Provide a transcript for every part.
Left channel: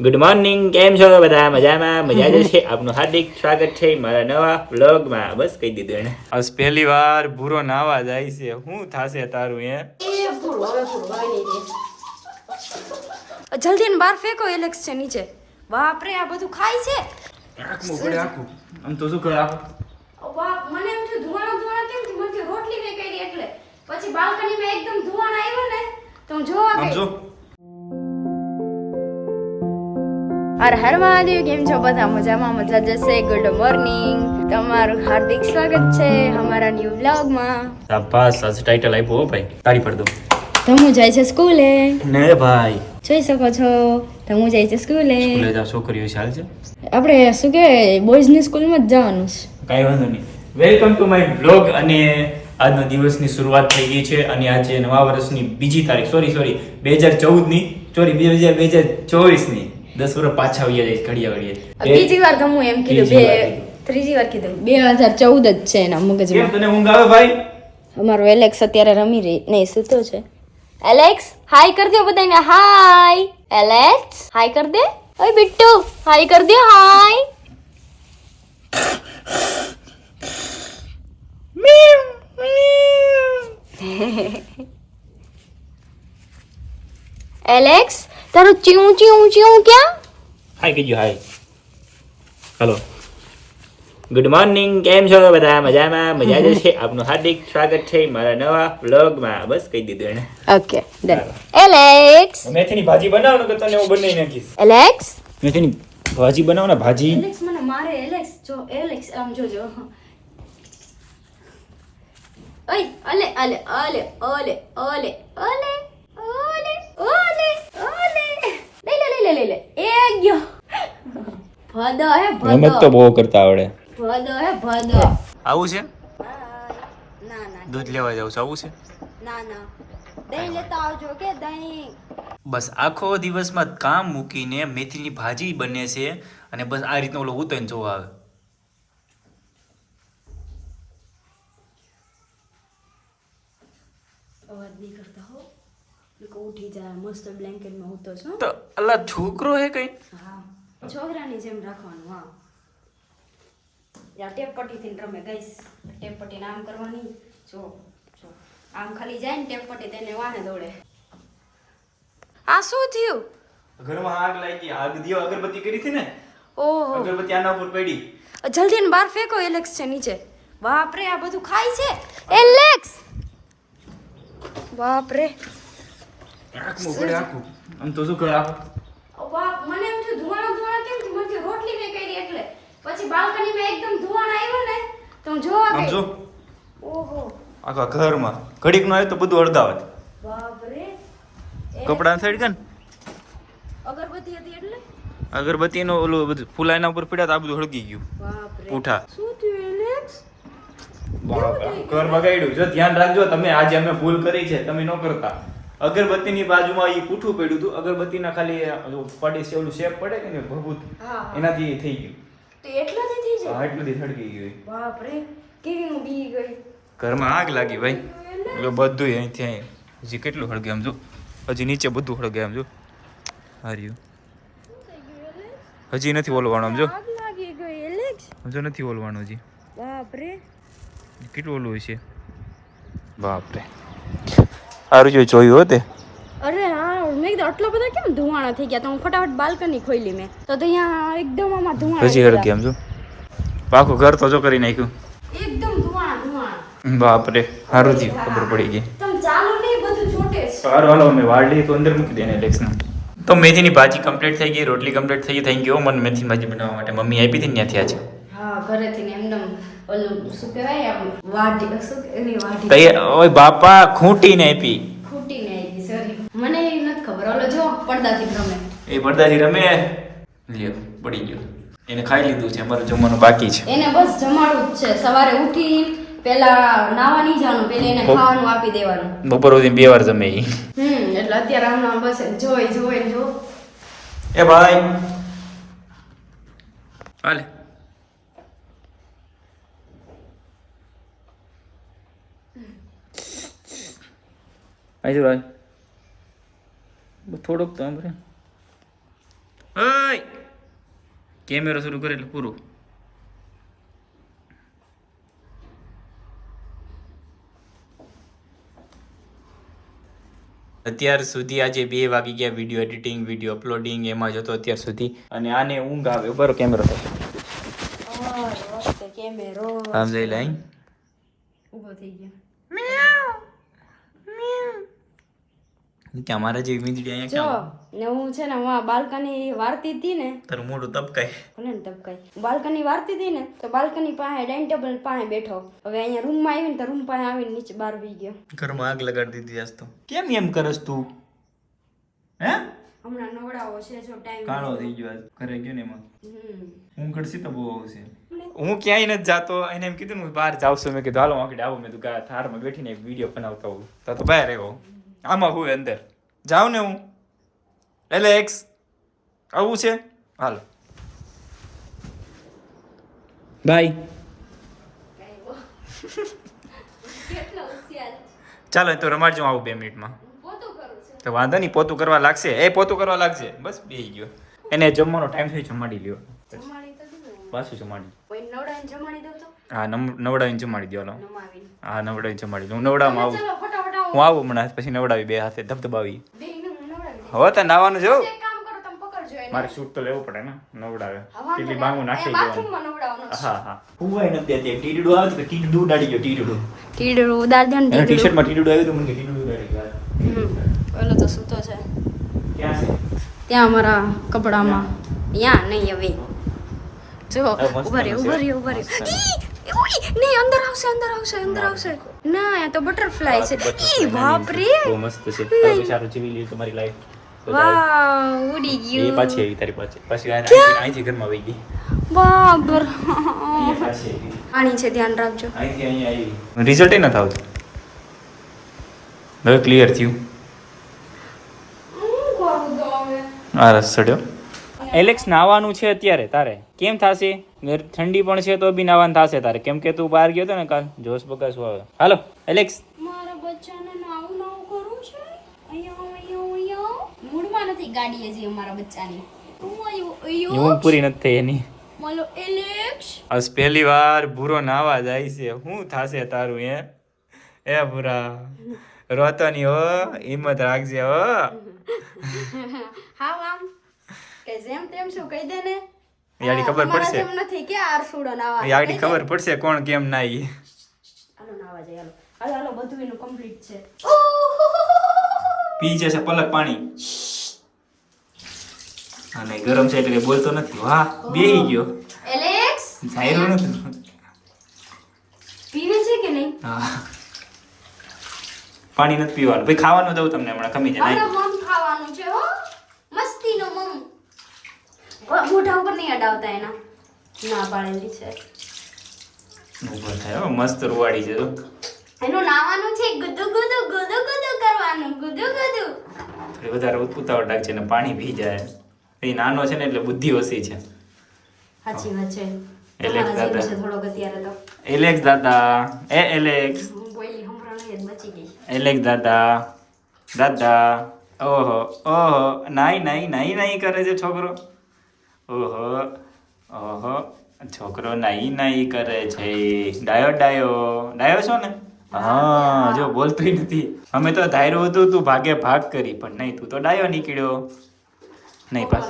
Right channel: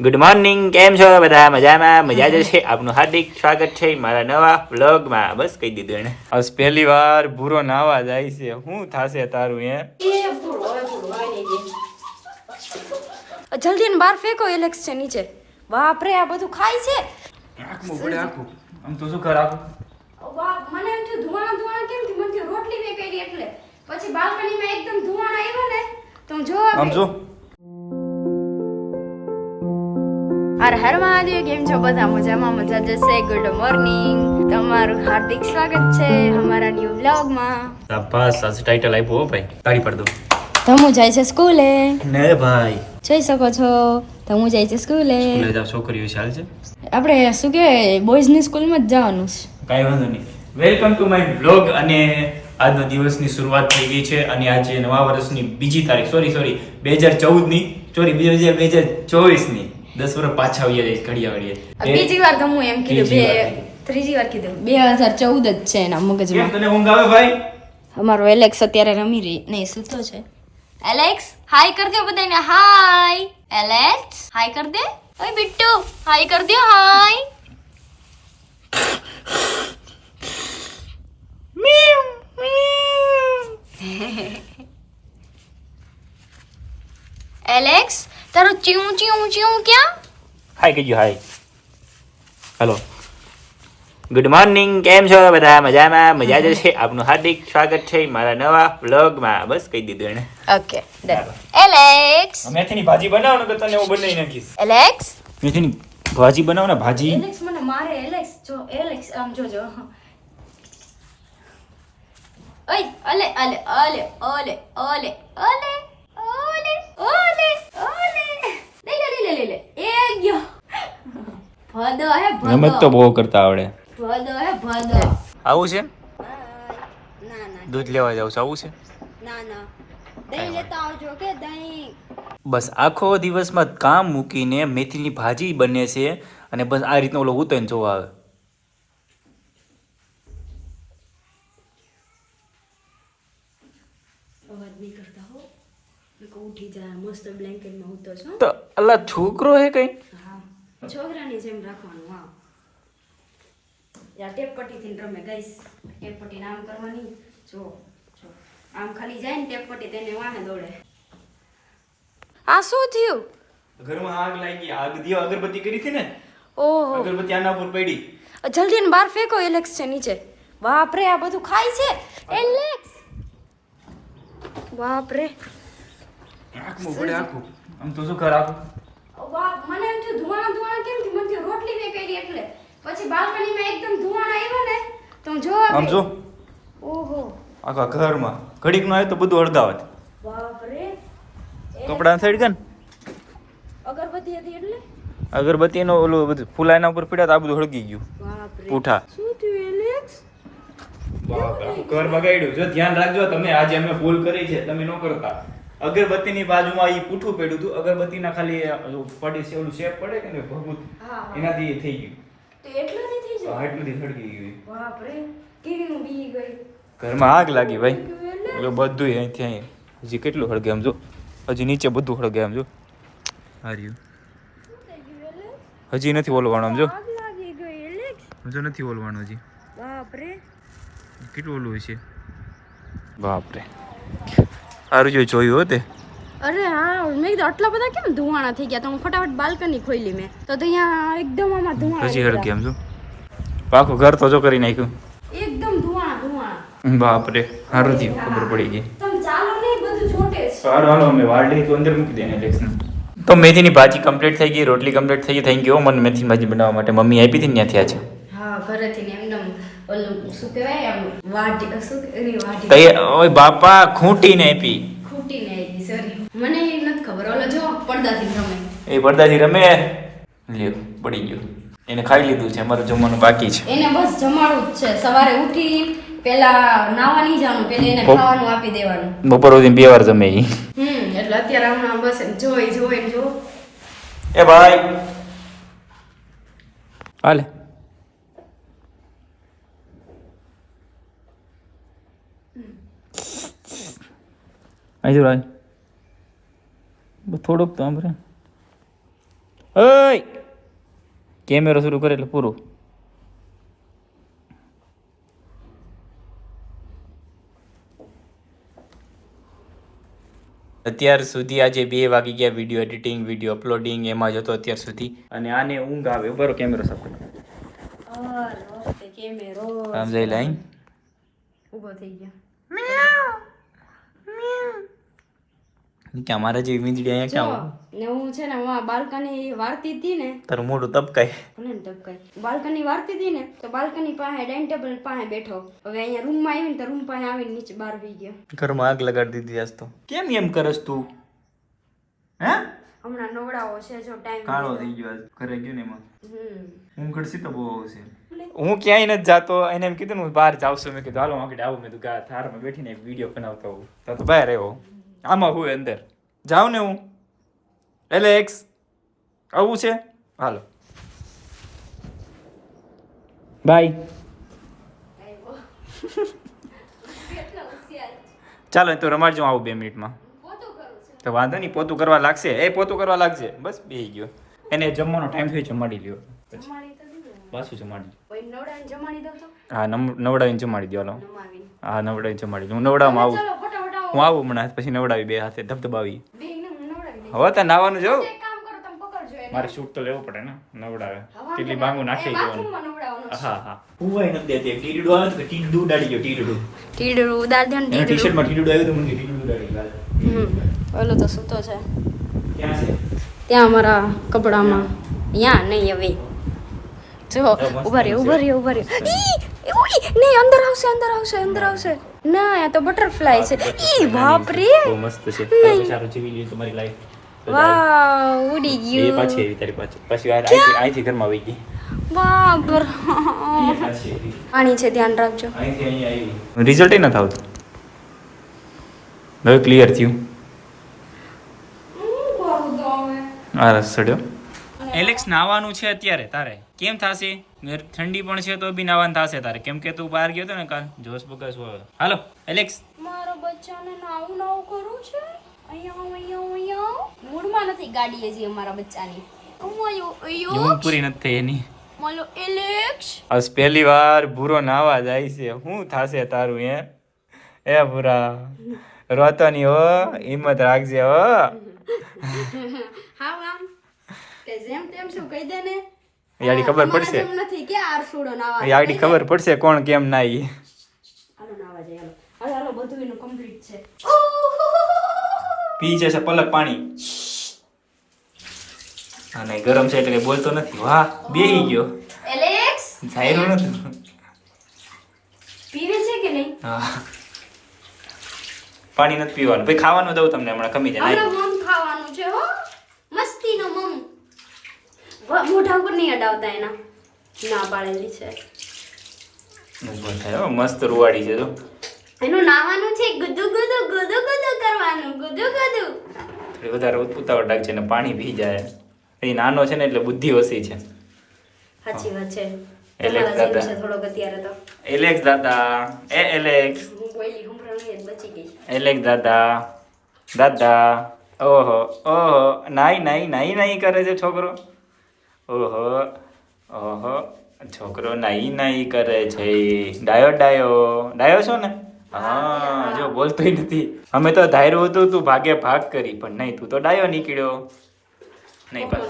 Good morning કેમ છો બધા? મજામાં? મજા જ છે આપનું હાર્દિક સ્વાગત છે મારા નવા વ્લોગમાં. બસ કહી દીધું એને. બસ પહેલી વાર ભૂરો નાવા જાય છે. શું થાશે તારું એ જલ્દી બહાર ફેંકો એલેક્સ છે નીચે. બાપરે આ બધું ખાય છે? આખું પડે આખું. આમ તો શું કર બાપ મને એમ થયું ધુવાણા ધુવાણા કેમ થયું મને રોટલી મેં કરી એટલે. પછી બાલ્કનીમાં એકદમ ધુવાણા આવ્યો ને તો આમ જો. હર હર મહાદેવ કેમ છો બધા મજામાં? મજા જશે. ગુડ મોર્નિંગ તમારું હાર્દિક સ્વાગત છે અમારા ન્યૂ વ્લોગમાં શાબાશ. આજ ટાઇટલ આપ્યો ભાઈ. તારી પડ દો. ધમુ જાય છે સ્કૂલે. ને ભાઈ. જોઈ શકો છો. ધમુ જાય છે સ્કૂલે. સ્કૂલે જાવ છોકરીઓ ચાલ છે આપણે શું કે બોયઝની સ્કૂલમાં જ જવાનું છે. કાઈ વાંધો નહીં. વેલકમ ટુ માય બ્લોગ અને આજનો દિવસની શરૂઆત થઈ ગઈ છે અને આજે નવા વર્ષની બીજી તારીખ. સોરી સોરી બે હજાર ચૌદની. સોરી બે હજાર બે હજાર ચોવીસની. દસ વર્ષ પાછા આવી જાય ઘડિયા ઘડિયા. બીજી વાર તો હું એમ કીધું બે વાર કીધું. ત્રીજી વાર કીધું બે હજાર ચૌદ જ છે એના મગજમાં. તને ઊંઘ આવે ભાઈ? અમારો એલેક્સ અત્યારે રમી રહી નહીં સૂતો છે. એલેક્સ હાય કર દો બધાને હાય. એલેક્સ હાય કર દે. ઓય બિટ્ટુ હાય કર દો હાય. એલેક્સ તારો ચ્યુ ચ્યુ ચીઉં ક્યાં? હાય કીધું હાય હલો ગુડ મોર્નિંગ કેમ છો બધા? મજામાં? મજા જ છે આપનું હાર્દિક સ્વાગત છે મારા નવા વ્લોગમાં બસ કહી દીધું એને ઓકે એલેક્સ મેથીની ભાજી બનાવો તો તને હું બનાવી નાખીશ? એલેક્સ મેથીની ભાજી બનાવો ને ભાજી. એલેક્સ મને મારે એલેક્સ જો એલેક્સ આમ જોજો ઓય અલે અલે અલે અલે અલે ઓલે. ઓલે ઓલે. લઈ લે લઈ લે લઈ લે. એ ગયો. ભદો હે રમત તો બહુ કરતા આવડે. ભદો હે ભદો. આવું છે? ના ના. દૂધ લેવા જાવ છું? આવું છે? ના ના. દહીં લેતા આવજો કે દહીં. બસ આખો દિવસમાં કામ મૂકીને મેથીની ભાજી બને છે અને બસ આ રીતનો ઓલો ઉતરીને જોવા આવે. લોકો મસ્ત બ્લેન્કેટમાં હું તો છું. તો અલા છોકરો હે કઈ? હા છોકરાની જેમ રાખવાનું હા. યા ટેપ પટ્ટીથી રમે ગઈશ ટેપ પટ્ટી આમ કરવાની જો જો. આમ ખાલી જાય ને ટેપ પટ્ટી તેને વાને દોડે. આ શું થયું? ઘરમાં આગ લાગી આગ દિયો અગરબત્તી કરી હતી ને? ઓહો. અગરબત્તી આના ઉપર પડી. જલ્દી ને બહાર ફેંકો એલેક્સ છે નીચે. બાપરે આ બધું ખાય છે? એલેક્સ! બાપરે. આંખમાં પડે આખું આમ તો શું કર આખું બાપ મને એમ થયું ધુવાણા ધુવાણા કેમ થયું? મને રોટલી મેં કરી એટલે. પછી બાલ્કનીમાં એકદમ ધુવાણા આવ્યો ને તો હું આમ જો. ઓહો. આખા ઘરમાં. ઘડીક નો આવ્યો તો બધું અડધાવત. બાપરે. કપડા સડી ગયા અગરબત્તી હતી એટલે? અગરબત્તીનો ઓલું બધું ફૂલાઈના ઉપર પડ્યા તો આ બધું હળગી ગયું. પૂઠા શું થયું એલેક્સ? બાપ ઘર બગાડ્યું. જો ધ્યાન રાખજો તમે આજે અમે ભૂલ કરી છે તમે ન કરતા. અગરબત્તીની બાજુમાં એ પૂઠું પડ્યું હતું. અગરબત્તીના ખાલી પડે છે ઓલું શેપ પડે કે ને ભભૂત એનાથી એ થઈ ગયું. તો એટલાથી થઈ હા સળગી ગયું બાપરે કેવી બી ગઈ. ઘરમાં આગ લાગી ભાઈ. એટલે બધું અહીંથી અહીં. હજી કેટલું હળગે આમ જો. હજી નીચે બધું હળગે આમ જો. હાર્યું. હજી નથી ઓલવાનું આમ જો. આગ લાગી ગઈ એલેક્સ હજુ નથી ઓલવાનું હજી. બાપરે. કેટલું ઓલું છે? બાપરે. જો જોયું હો તે. અરે હા મેં કીધું આટલા બધા કેમ ધુવાણા થઈ ગયા? તો હું ફટાફટ બાલ્કની ખોલી મેં. તો અહીંયા એકદમ આમાં ધુવાણા હજી હળગે આમ જો. પાખું ઘર તો જો કરી નાખ્યું. એકદમ ધુવાણા ધુવાણા. બાપરે સારું થયું ખબર પડી ગઈ. તમ ચાલો ને બધું છોટે સારું હાલો અમે વાળી તો અંદર મૂકી દે લેક્સના તો મેથીની ભાજી કમ્પ્લીટ થઈ ગઈ રોટલી કમ્પ્લીટ થઈ ગઈ થેન્ક યુ મને મેથીની ભાજી બનાવવા માટે. મમ્મી આપી હતી ત્યાંથી આજે. હા ઘરેથી ઓલું શું કહેવાય આમ વાઢી શું કે- વાઢી. ઓય બાપા ખૂંટીને આપી. ખૂટીને સોરી મને એ નથી ખબર. ઓલો જો પડદાથી રમે. એ પડદાજી રમે? લ્યો પડી ગયો. એને ખાઈ લીધું છે અમારું જમવાનું બાકી છે. એને બસ જમાડવું જ છે. સવારે ઉઠી પેલા નાવા નહીં જવાનું પેલા એને ખાવાનું આપી દેવાનું. બપોર સુધી બે વાર જમે ઈ. હમ એટલે અત્યારે હમણાં બસ જોઈ જોઈ જો. એ ભાઈ. હાલે. અહીં રાજ. થોડુંક તો આમ રે ઓય! કેમેરો શરૂ કરે એટલે પૂરું. અત્યાર સુધી આજે બે વાગી ગયા વીડિયો એડિટિંગ વીડિયો અપલોડિંગ એમાં જતો અત્યાર સુધી. અને આને ઊંઘ આવે બરો કેમેરો થશે આમ જઈ લાઈન. ઊભો થઈ ગયો કે અમારા જે ઇમેજ અહીંયા જો ને હું છે ને હું બાલ્કની વારતી હતી ને તારું મોઢું તપકાય. કોને તપકાય? બાલ્કની વારતી હતી ને તો બાલ્કની પાસે ડાઇનિંગ ટેબલ પાસે બેઠો. હવે અહીંયા રૂમમાં આવીને તો રૂમ પાસે આવીને નીચે બહાર વી ગયો. ઘરમાં આગ લગાડી દીધી આજ તો. કેમ એમ કરસ તું? હે? હમણાં નવડાવો છે જો ટાઈમ કાળો થઈ ગયો આજ. ઘરે ગયો ને એમાં. હું ઘડસી તો બહુ છે. હું ક્યાંય નથી જાતો એને એમ કીધું હું બહાર જાઉં છું. મેં કીધું હાલો આગળ આવું. મેં કીધું થારમાં બેઠીને વીડિયો બનાવતા હોઉં. તો તો બહાર આવ્યો. આમાં હું અંદર. જાઉં ને હું. એટલે એક્સ આવું છે? હાલો. બાય ચાલો તો રમાડજો આવું બે મિનિટમાં. પોતું કરું છું તો વાંધો નહીં પોતું કરવા લાગશે. એ પોતું કરવા લાગશે. બસ બે ગયો. એને જમવાનો ટાઈમ થયો જમાડી લ્યો. પછી જમાડી. હા નમ- નવડાવીને જમાડી દો હાલો. હા નવડાવીને જમાડી દઉં. ફટાફટ આવો. હું આવું હમણાં પછી નવડાવી બે હાથે ધબધબાવી. હવે તો નાવાનું જવું એક કામ કરો તમે પકડજો એને. મારે શૂટ તો લેવું પડે ને નવડાવે. કેટલી બાંગુ નાખી જવાનું. હા હા. હુવાય નથી દેતી ટીડડું આવે તો ટીડડું ઉડાડી ગયો ટીડડું ટીડું ઉડાડ દે ને ટી શર્ટમાં ટીડડું આવ્યું તો મને ટીડડું ઉડાડી ઓલો તો સૂતો છે. ત્યાં અમારા કપડામાં. ત્યાં નહીં હવે. જો ઊભા રહ્યો ઊભા રહ્યો ઊભા રહ્યો! નહીં અંદર આવશે અંદર આવશે અંદર આવશે. ના આ તો બટરફ્લાય છે. ઈ બાપ રે બહુ મસ્ત છે. સારું જીવી લીધું તમારી લાઈફ વાવ ઉડી એ ગયું. પાછી આવી તારી પાછી. પછી આ અહીંથી ઘરમાં આવી ગઈ. બાબર એ પાણી છે ધ્યાન રાખજો. અહીંથી અહીં આવી રિઝલ્ટ નથી આવતું હવે ક્લિયર થયું. આ રસ ચડ્યો? એલેક્સ નાવાનું છે અત્યારે? તારે? કેમ થશે? ઠંડી પણ છે તો બી નાવાનું થશે તારે. કેમ કે તું બહાર ગયો તો ને કાલ જોશ બગાસું આવે હાલો એલેક્સ. મારા બચ્ચાને નાવું નાવું કરું છે? અહીંયા અહીંયા અહીંયા મૂડમાં નથી ગાડી હજી અમારા બચ્ચાની. હું પૂરી નથી થઈ એની. બોલો એલેક્સ. આજ પહેલી વાર ભૂરો નાવા જાય છે. શું થશે તારું એ એ ભૂરા રોતો ની હો હિંમત રાખજે હો. કે જેમ તેમ શું કહી દે ને? યાડી ખબર પડશે. નથી કે આર સુડો નાવા યાડી ખબર પડશે કોણ કેમ નાઈ. હાલો નાવા જાય હાલો. હાલો હાલો બધું એનું કમ્પ્લીટ છે. પી જશે પલક પાણી. અને ગરમ છે એટલે બોલતો નથી. વાહ બેહી ગયો. એલેક્સ? ધાયરો નથી. પીવે છે કે નહીં? હા. પાણી નથી પીવાનું. ભાઈ ખાવાનું દઉં તમને હમણાં કમી જાય મમ ખાવાનું છે હો. મસ્તીનો મમ. મોઢા ઉપર નહીં અડાવતા એના. ના પાડેલી છે. ઊભો થાય મસ્ત રૂવાડી છે તો એનું નાવાનું છે ગુદુ ગુદુ ગુદુ ગુદુ કરવાનું ગુદુ ગુદુ. થોડી વધારે ઉતાવળ રાખજે ને પાણી પી જાય. એ નાનો છે ને એટલે બુદ્ધિ ઓછી છે. સાચી વાત છે. એલેક્સ દાદા. થોડોક અત્યારે તો. એલેક્સ દાદા. એ એલેક્સ બોલી સંભળાણી બચી ગઈ. એલેક્સ દાદા. દાદા. ઓહો ઓહો. નાઈ નાઈ નાઈ નાઈ કરે છે છોકરો. ઓહો ઓહો છોકરો નાઈ નાઈ કરે છે ડાયો ડાયો. ડાયો છો ને? હા જો બોલતોય નથી. અમે તો ધાર્યું હતું તું ભાગે ભાગ કરી પણ નહીં તું તો ડાયો નીકળ્યો. નહીં પાસ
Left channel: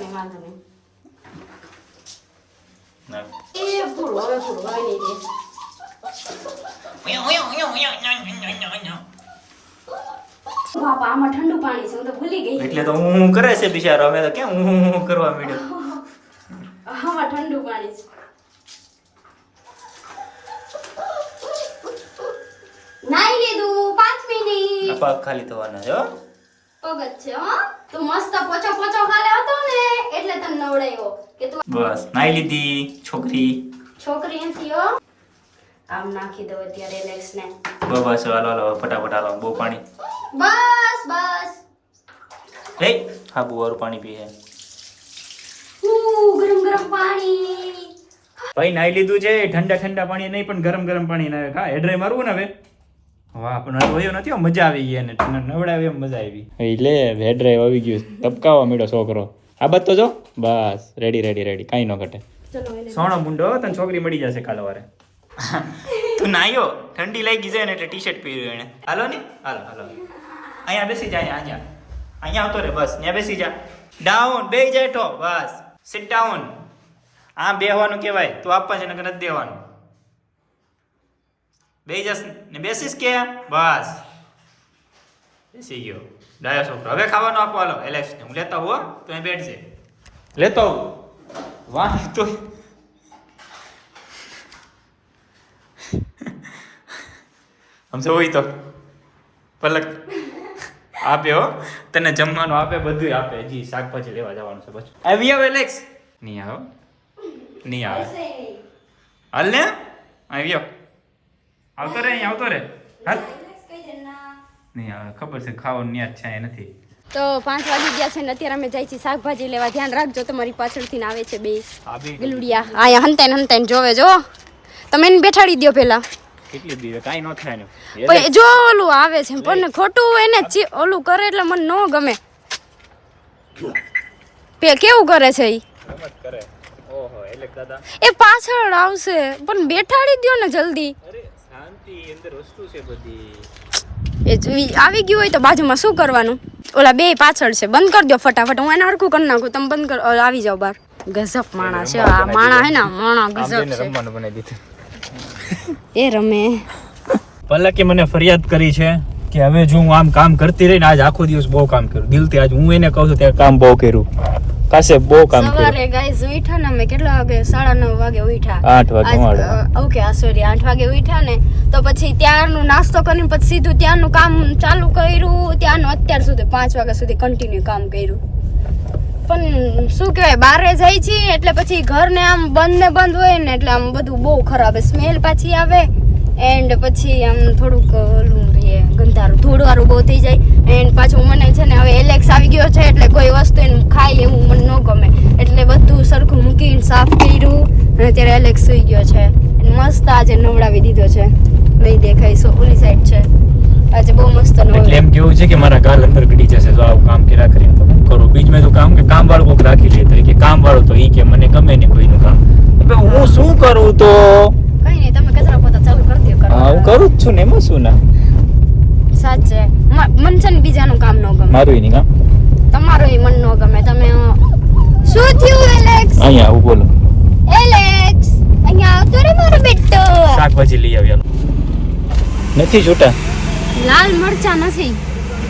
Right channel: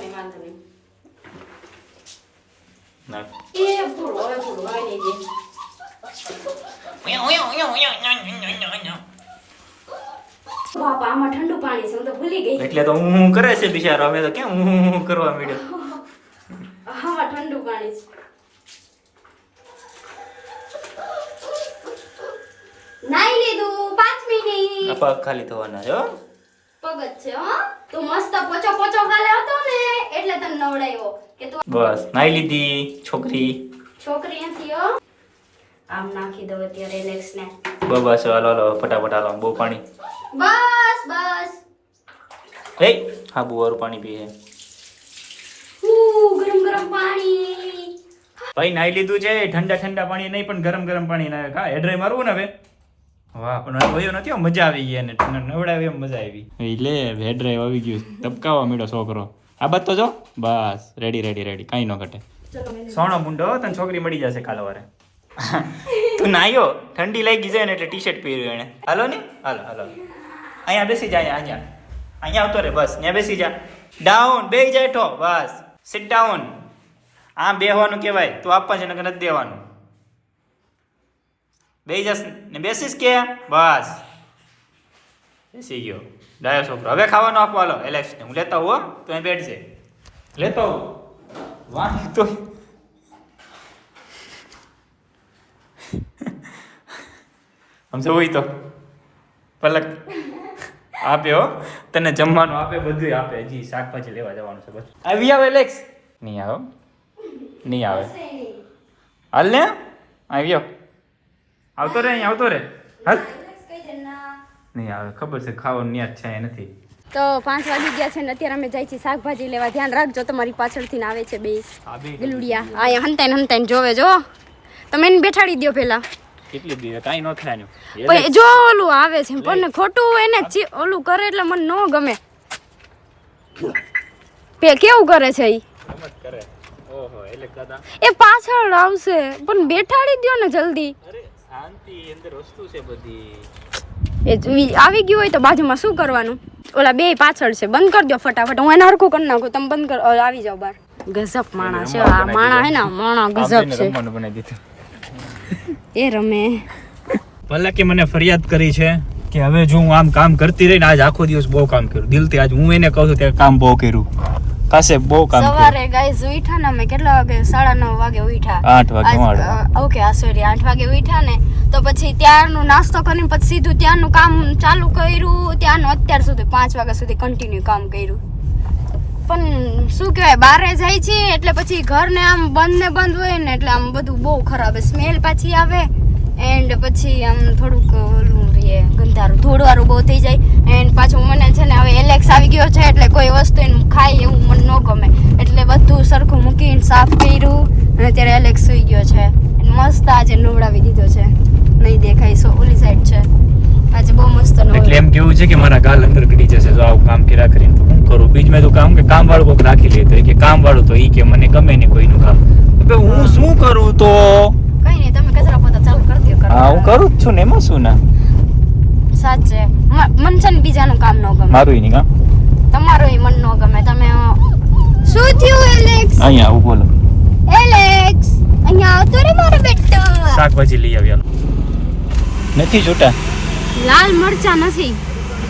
એટલે તો હું કરે છે બિચારો? અમે તો કેમ હું કરવા માંડ્યો? આમાં છે નાઈ લીધું પાંચ મિનિટ. આ પગ ખાલી થવાના છે હો. પગ જ છે હો. તું મસ્ત પોચો પોચો ખાલે હતો ને એટલે તને નવડાયો કે તું બસ નાઈ લીધી છોકરી. છોકરી એમ હો. કામ નાખી દો અત્યારે એલેક્સ ને. બસ હાલો હાલો ફટાફટ હાલો બહુ પાણી. બસ બસ. એ હાબુ વાળું પાણી પીએ. હું ગરમ પાણી. ભાઈ નાઈ લીધું છે ઠંડા ઠંડા પાણી નહીં પણ ગરમ ગરમ પાણી ના હા હેડ્રાય મારવું ને હવે. વાહ પણ વયો નથી મજા આવી ગઈ એને નવડાવી એમ મજા આવી. એટલે હેડ્રાય આવી ગયું તબકાવા મળ્યો છોકરો. આ બાદ તો જો બસ રેડી રેડી રેડી કાંઈ ન ઘટે. સોણો મુંડો તને છોકરી મળી જશે કાલ વારે. તું નાયો ઠંડી લાગી જાય ને એટલે ટી શર્ટ પહેર્યું એને હાલો ને? હાલો હાલો. અહીંયા બેસી જાય અહીંયા અહીંયા. અહીંયા આવતો રે બસ ત્યાં બેસી જા. ડાઉન બે જાય ઠો બસ. સિટ ડાઉન આમ બેહવાનું કહેવાય તું આપવા છે નકર નથી દેવાનું. બેસી જશ ને બેસીશ કે? બસ. બેસી ગયો. ડાયો છોકરો. હવે ખાવાનું આપવા હાલો. એલેક્સ ને. હું લેતા હું. તો અહીં બેઠશે લેતો હું વાહ તો સમજો હોય તો. પલક. આપે હો. તને જમવાનું આપે બધું આપે. હજી શાકભાજી લેવા જવાનું છે બસ. આવી આવે એલેક્સ નહીં આવો. નહીં આવે. હાલ ને? આવ્યો આવતો રે આવતો રે. હાલ. નહીં આવે ખબર છે ખાવાનું ન્યા છે નથી. તો પાંચ વાગી ગયા છે ને અત્યારે અમે જાય છીએ શાકભાજી લેવા. ધ્યાન રાખજો તમારી પાછળથી ને આવે છે બે ગલુડિયા. અહીંયા હંતાઈને હંતાઈને જોવે જો. તમે એને બેઠાડી દો પેલા. કેટલી દીવે કાંઈ ન થાય પણ જો ઓલું આવે છે પણ ખોટું એને ઓલું કરે એટલે મને ન ગમે. પે કેવું કરે છે ઈ? કરે. ઓહો એટલે દાદા. એ પાછળ આવશે પણ બેઠાડી દ્યો ને જલ્દી. અરે શાંતિ અંદર વસ્તુ છે બધી. એ આવી ગયું હોય તો બાજુમાં શું કરવાનું? ઓલા બે પાછળ છે બંધ કરી દો ફટાફટ હું એને હરખું કરી નાખું તમે બંધ કર આવી જાઓ બાર ગઝબ માણા છે આ માણા હે ને માણા ગઝબ છે. બનાવી દીધું. એ રમે. પલકે મને ફરિયાદ કરી છે કે હવે જો હું આમ કામ કરતી રહીને આજ આખો દિવસ બહુ કામ કર્યું. દિલથી આજ હું એને કહું છું ત્યાં કામ બહુ કર્યું. કાસે બહુ કામ કર્યું. સવારે ગાઈસ ઉઠ્યા ને અમે કેટલા વાગે? સાડા નવ વાગે ઉઠ્યા. આઠ વાગે વાળા. ઓકે આ સોરી આઠ વાગે ઉઠ્યા ને તો પછી ત્યારનું નાસ્તો કરીને પછી સીધું ત્યારનું કામ ચાલુ કર્યું. ત્યારનું અત્યાર સુધી પાંચ વાગ્યા સુધી કન્ટિન્યુ કામ કર્યું. પણ શું કહેવાય બારે જાય છે એટલે પછી ઘરને આમ બંધ ને બંધ હોય ને એટલે આમ બધું બહુ ખરાબ સ્મેલ પાછી આવે. એન્ડ પછી આમ થોડુંક ઓલું રે ગંધારું. ધોળવાળું બહુ થઈ જાય. એન્ડ પાછું મને છે ને હવે એલેક્સ આવી ગયો છે એટલે કોઈ વસ્તુ એને ખાય એવું મને ન ગમે. એટલે બધું સરખું મૂકીને સાફ કર્યું. અને અત્યારે એલેક્સ સુઈ ગયો છે. મસ્ત આજે નવડાવી દીધો છે. નહીં દેખાય સો ઓલી સાઈડ છે. આજે બહુ મસ્ત એટલે. એમ કેવું છે કે મારા ગાલ અંદર ગડી જશે? જો આવું કામ કર્યા કરીને તો કામ કે કામ વાળું કોઈક રાખી લે તો કે કામ વાળું તો ઈ કે મને ગમે નહીં કોઈનું કામ. હવે હું શું કરું તો? કઈ નહીં તમે કચરા પોતા ચાલુ કરી દો હા હું કરું જ છું ને એમાં શું ના? સાચે. મન છે ને બીજાનું કામ ન ગમે. મારું ઈ નહીં કામ. તમારું ઈ મન ન ગમે. તમે શું થયું એલેક્સ અહીંયા આવું બોલો. એલેક્સ અહીંયા આવતો રે મારો બેટો. શાકભાજી લઈ આવ્યા. નથી છૂટા લાલ મરચા નથી.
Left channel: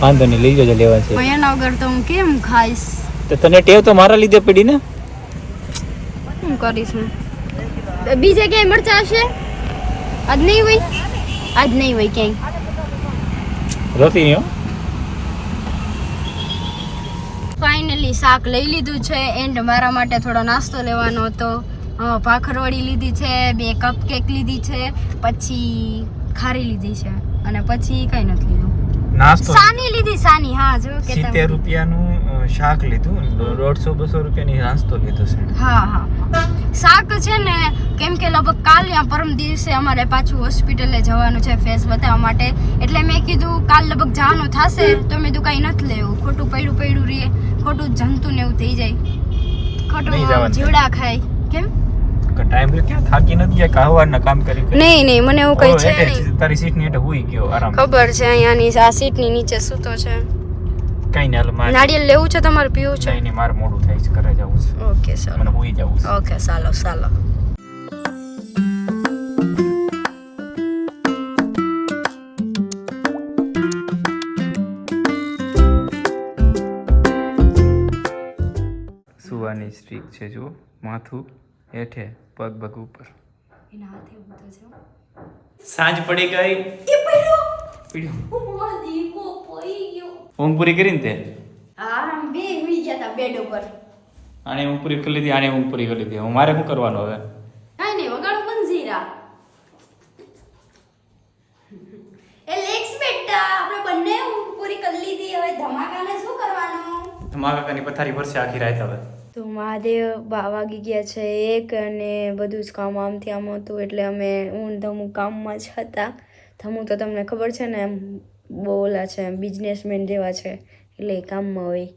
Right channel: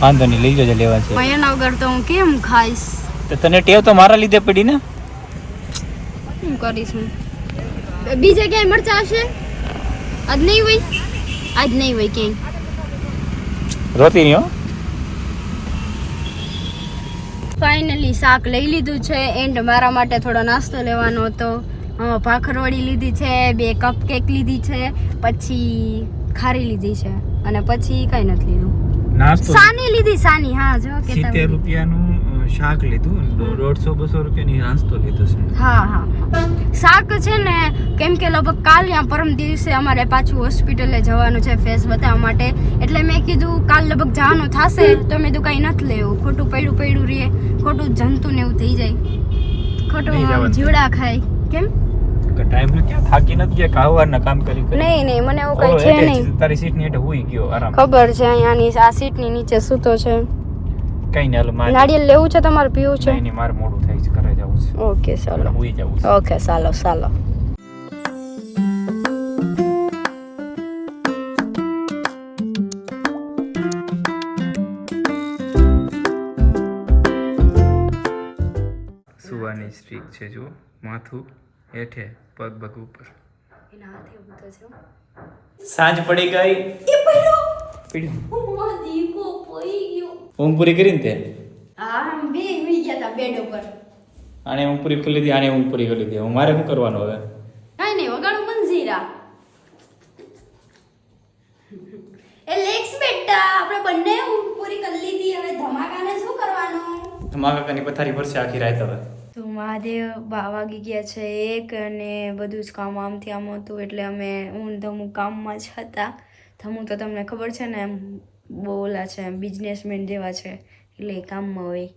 વાંધો નહીં લઈ જજો લેવા છે. એના વગર તો હું કેમ ખાઈશ? તો તને ટેવ તો મારા લીધે પડી ને? શું કરીશ હું. બીજે ક્યાંય મરચા હશે? આજ નહીં હોય? આજ નહીં હોય ક્યાંય. રોતી નહીં હો ફાઇનલી શાક લઈ લીધું છે એન્ડ મારા માટે થોડો નાસ્તો લેવાનો હતો. ભાખરવડી લીધી છે બે કપ કેક લીધી છે પછી ખારી લીધી છે અને પછી કઈ નથી લીધું. નાસ્તો સાની લીધી. સાની હા જો કે તમે. રૂપિયાનું શાક લીધું દોઢસો બસો રૂપિયાની નાસ્તો લીધો છે. હા હા. શાક છે ને કેમ કે લગભગ કાલ યા પરમ દિવસે અમારે પાછું હોસ્પિટલે જવાનું છે ફેસ બતાવવા માટે. એટલે મેં કીધું કાલ લગભગ જવાનું થશે તો મેં કીધું કાંઈ નથી લેવું. ખોટું પડ્યું પડ્યું રહે. ખોટું જંતુ ને એવું થઈ જાય. ખોટું. જીવડા ખાય. કેમ? ટાઈમ ક્યાં થાકી નથી ગયા કાહવારના કામ કરી કરી? નહીં નહીં મને એવું કઈ છે નહીં. તારી સીટની હેઠે હુઈ ગયો આરામ. ખબર છે અહીંયાની આ સીટની નીચે સૂતો છે. કઈ નહીં હાલ મારે. નાળિયેર લેવું છે તમારે પીવું છે? નહીં મારે મોડું થાય છે ઘરે જવું છે. ઓકે મને ચાલો હુઈ જવું છે. ઓકે ચાલો ચાલો સુવાની સ્ટ્રીક છે જો માથું. હેઠે પગ પગ ઉપર. એના હાથે ઊભો છે સાંજ પડી ગઈ. એ પડ્યો પીડ્યું. મારો દીકો પડી ગયો. ઊંઘ પૂરી કરીને તે? હા બે મી ગયા હતા બેડ ઉપર. આને ઊંઘ પૂરી કરી લીધી આને ઊંઘ પૂરી કરી લીધી. હું મારે શું કરવાનું હવે? કાંઈ નહીં વગાડું પણ ઝીરા એ લેક્સ બેટા આપણે બંને ઊંઘ પૂરી કરી લીધી. હવે ધમાકાને શું કરવાનું? ધમાકાની પથારી ભરશે આખી રાત હવે. તો મહાદેવ વાગી ગયા છે એક અને બધું જ કામ આમથી આમ હતું એટલે અમે હું ધમુ કામમાં જ હતા. ધમુ તો તમને ખબર છે ને એમ બહુ ઓલા છે બિઝનેસમેન જેવા છે એટલે એ કામમાં હોય.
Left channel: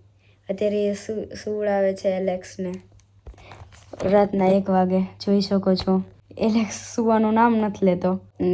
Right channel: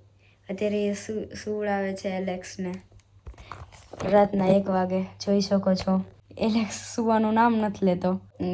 અત્યારે એ સુવડાવે છે એલેક્સને. રાતના એક વાગે જોઈ શકો છો. એલેક્સ સુવાનું નામ નથી લેતો.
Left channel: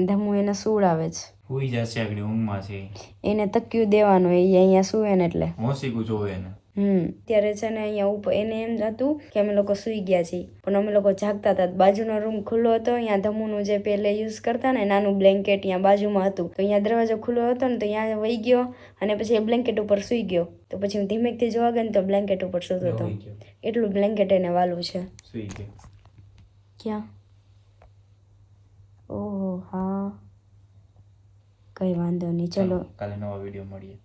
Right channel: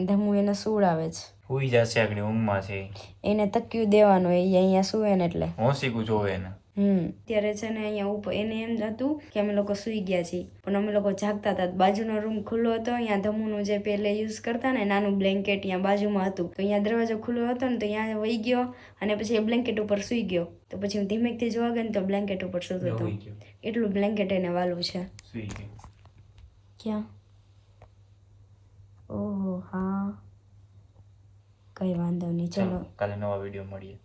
ધમુ એને સુવડાવે છે. હુઈ જશે આગળ ઊંઘમાં છે એને તક્યું દેવાનું એ અહીંયા સુવે ને એટલે. હોંશીકું જોવે ને હમ. ત્યારે છે ને અહીંયા ઉપર એને એમ હતું કે અમે લોકો સૂઈ ગયા છીએ. પણ અમે લોકો જાગતા હતા. બાજુનો રૂમ ખુલ્લો હતો અહીંયા ધમુનું જે પહેલે યુઝ કરતા ને નાનું બ્લેન્કેટ અહીંયા બાજુમાં હતું. તો અહીંયા દરવાજો ખુલ્લો હતો ને તો અહીંયા વહી ગયો અને પછી એ બ્લેન્કેટ ઉપર સૂઈ ગયો. તો પછી હું ધીમેકથી જોવા ગઈ ને તો બ્લેન્કેટ ઉપર સૂતો હતો. એટલું બ્લેન્કેટ એને વાલું છે. ક્યાં? ઓહ હા. કઈ વાંધો નહીં. ચલો ચાલો. કાલે નવા વીડિયો મળીએ.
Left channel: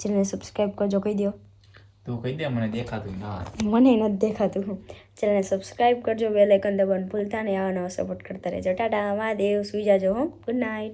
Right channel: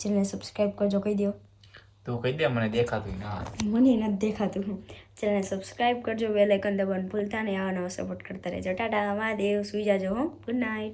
ચેનલને સબસ્ક્રાઈબ કરજો કહી દો તું કહી દે, મને દેખાતું ના મને નથી દેખાતું. ચેનલને સબસ્ક્રાઈબ કરજો બેલ આઇકન દબાવવાનું ભૂલતા નહીં, આવા સપોર્ટ કરતા રહેજો. ટાટા, મહાદેવ, સુઈ જાજો, હો. Good night